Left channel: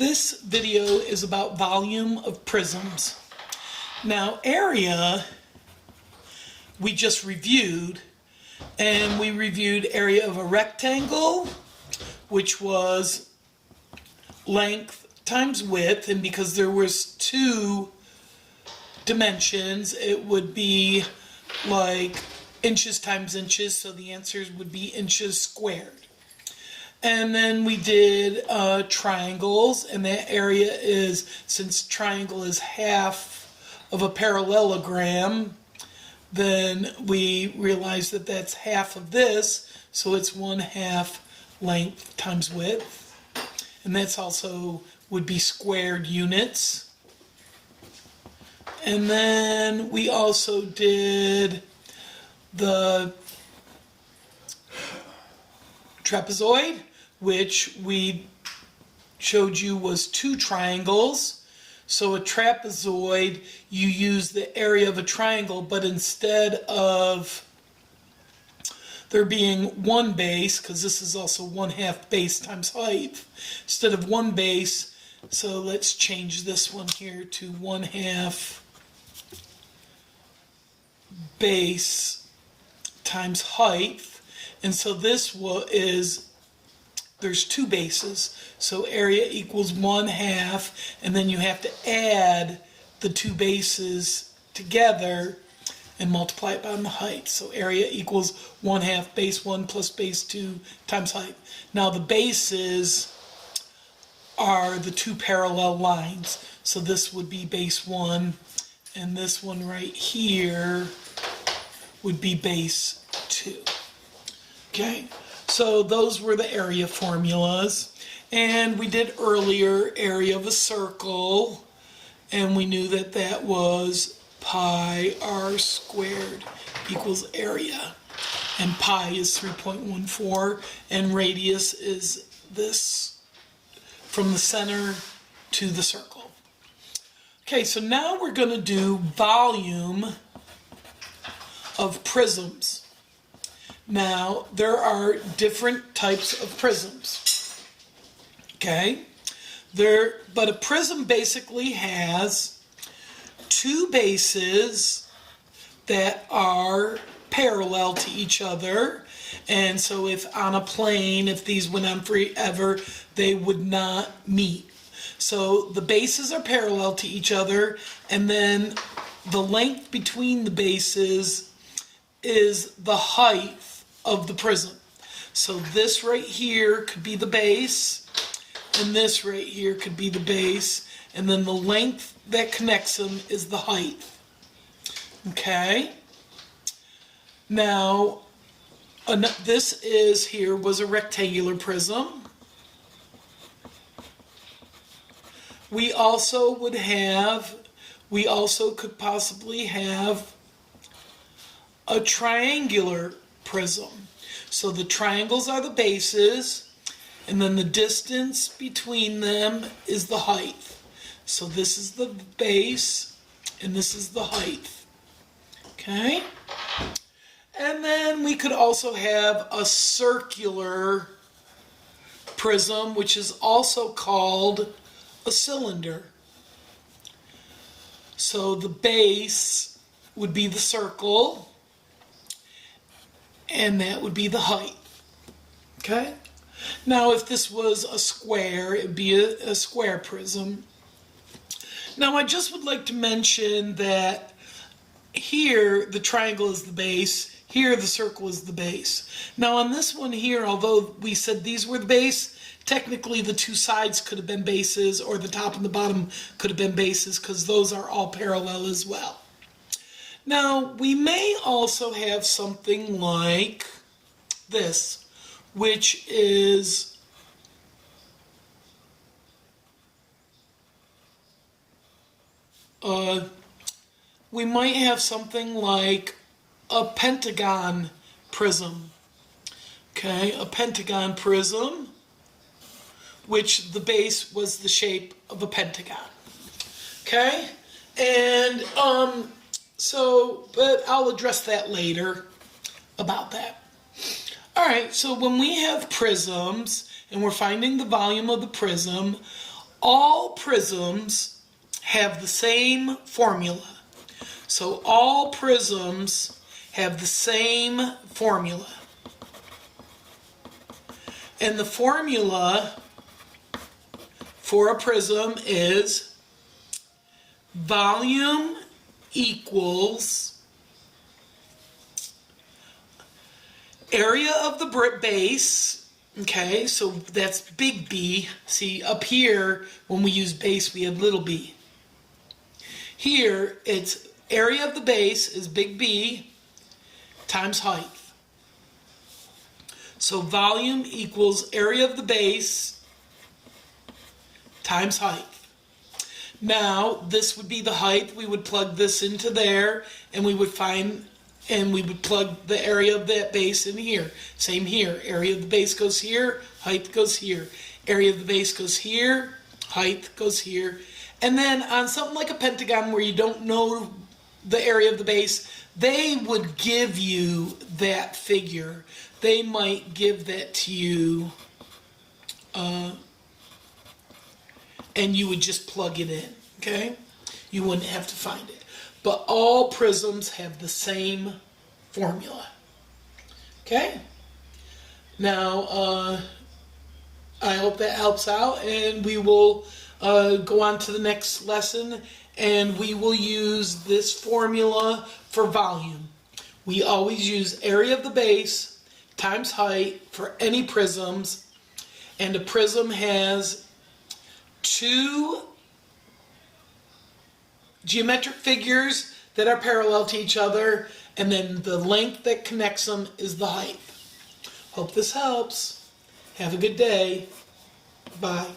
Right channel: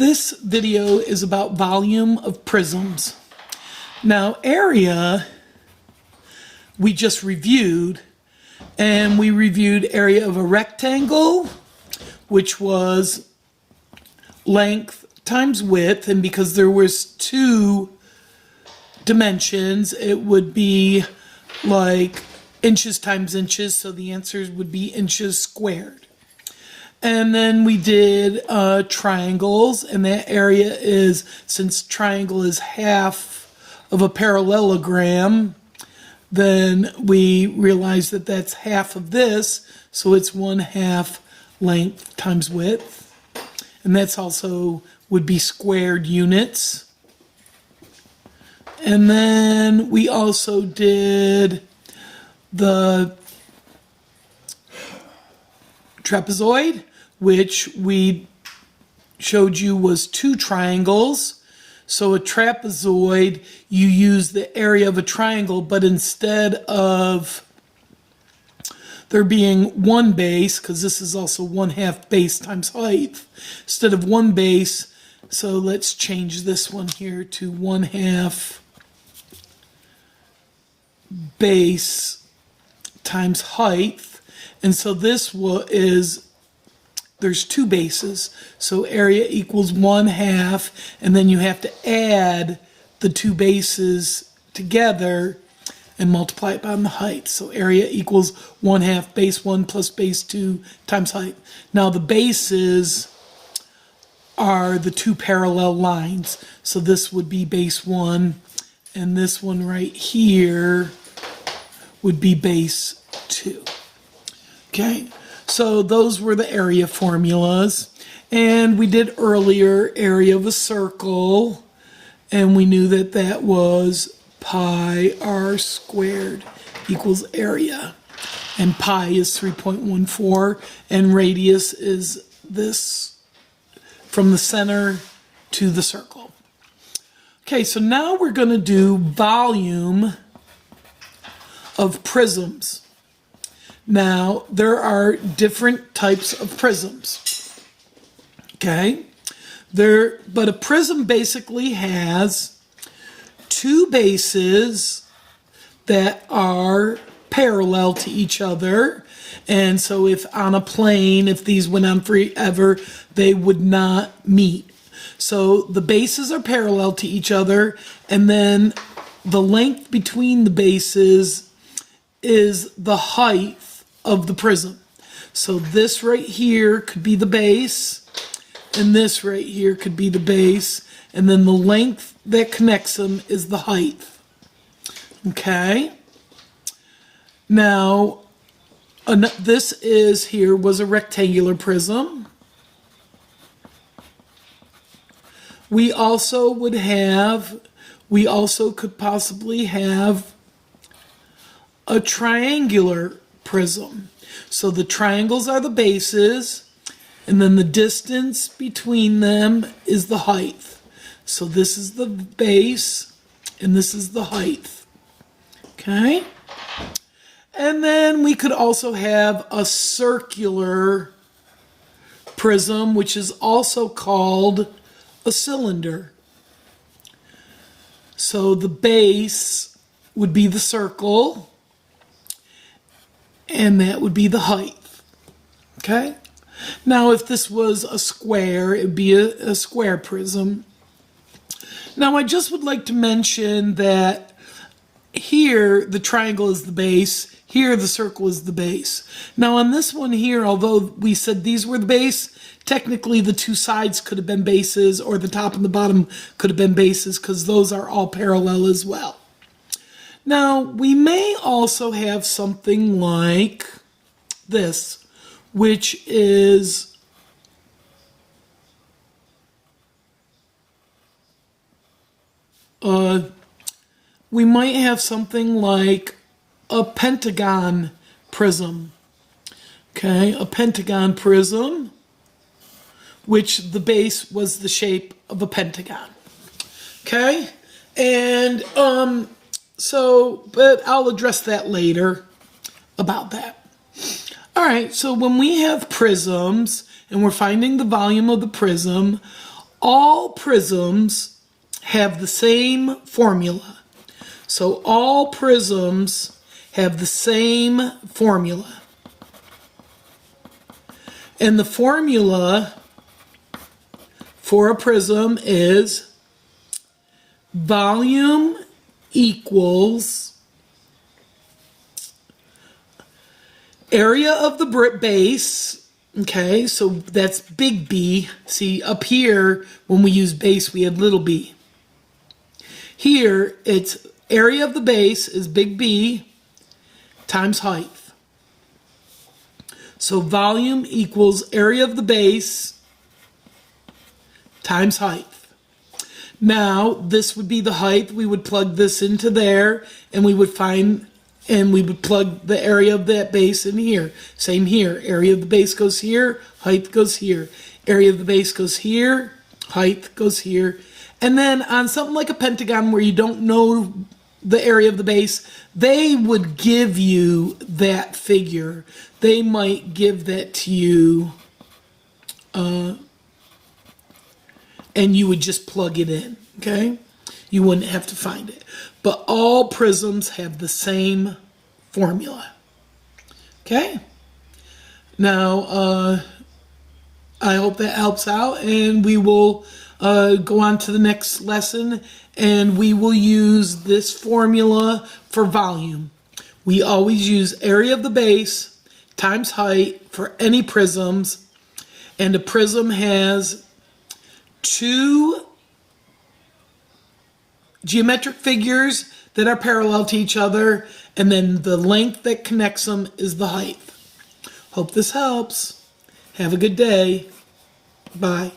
This video is about volume of prisms. Now, area, we just reviewed, and we reviewed area of a rectangle, which was length times width, and because there was two dimensions, it would be like inches times inches, so the answers would be inches squared. And then we did triangles, and that area is, since triangle is half of a parallelogram, then we realize that that's half of this, so it's 1/2 length times width. And that's also would be squared units. And then we also did the trapezoid, which we showed you was two triangles. So a trapezoid, you use the area of a triangle, but instead of there being one base, because this is also 1/2 base times height, instead of one base, so let's change this one here to 1/2 base times height. And so this is, there's two bases, so area equals 1/2, and then you have to add the two bases together and multiply it by the height. So area equals 1/2 base 1 plus base 2 times height. Now the bases are the two parallel lines, so this would be base 1, and this one right here would be base 2. Okay, so those were the area formulas. And we did earlier area of a circle, and we knew that that was pi r squared equals area. And pi is 3.14, and radius is this from the center to the circle. Okay, so now we're going to do volume of prisms. Now, there are different types of prisms, okay? But a prism basically has two bases that are parallel to each other, and so if on a plane, if these went on forever, they would not meet. So the bases are parallel to each other, and then the length between the bases is the height of the prism. So this right here could be the base, and this right here could be the base, and then the length that connects them is the height. Okay? Now, this was a rectangular prism. We also could possibly have a triangular prism. So the triangles are the bases, and then the distance between them is the height. So this is the base, and this is the height. Okay? And then we could also have a circular prism, which is also called a cylinder. So the base would be the circle, and that would be the height. Okay? Now, if this was a square, it would be a square prism. Now, I just would like to mention that here, the triangle is the base. Here, the circle is the base. Now, on this one here, although we said these were the base, technically the two sides could have been bases, or the top and the bottom could have been bases, because those are all parallel as well. Now, we may also have something like this, which is we might have something like a pentagon prism. Okay, a pentagon prism, which the base was the shape of a pentagon. Okay, and but I'll address that later about that. All right, so when we have prisms and we're finding the volume of the prism, all prisms have the same formula. So all prisms have the same formula. And the formula for a prism is volume equals area of the base. Okay, so that's big B. See, up here, when we use base, we have little b. Here, it's area of the base is big B times height. So volume equals area of the base times height. Now, this would be the height. We would plug this into there, and we would find, and we would plug the area of that base in here. Same here. Area of the base goes here, height goes here. Area of the base goes here, height goes here. And then on something like a pentagon where you don't know the area of the base, they would give you that figure. They might give that to you, and you would just plug it in, okay? You wouldn't have to find it. But all prisms have the same formula, okay? Now, I hope that helps out, and we will go on to the next lesson, and we will use this formula for volume. We always use area of the base times height for any prisms, and a prism has two geometric figures that are parallel to each other, and then the length that connects them is the height. Hope this helps. Have a good day. Bye.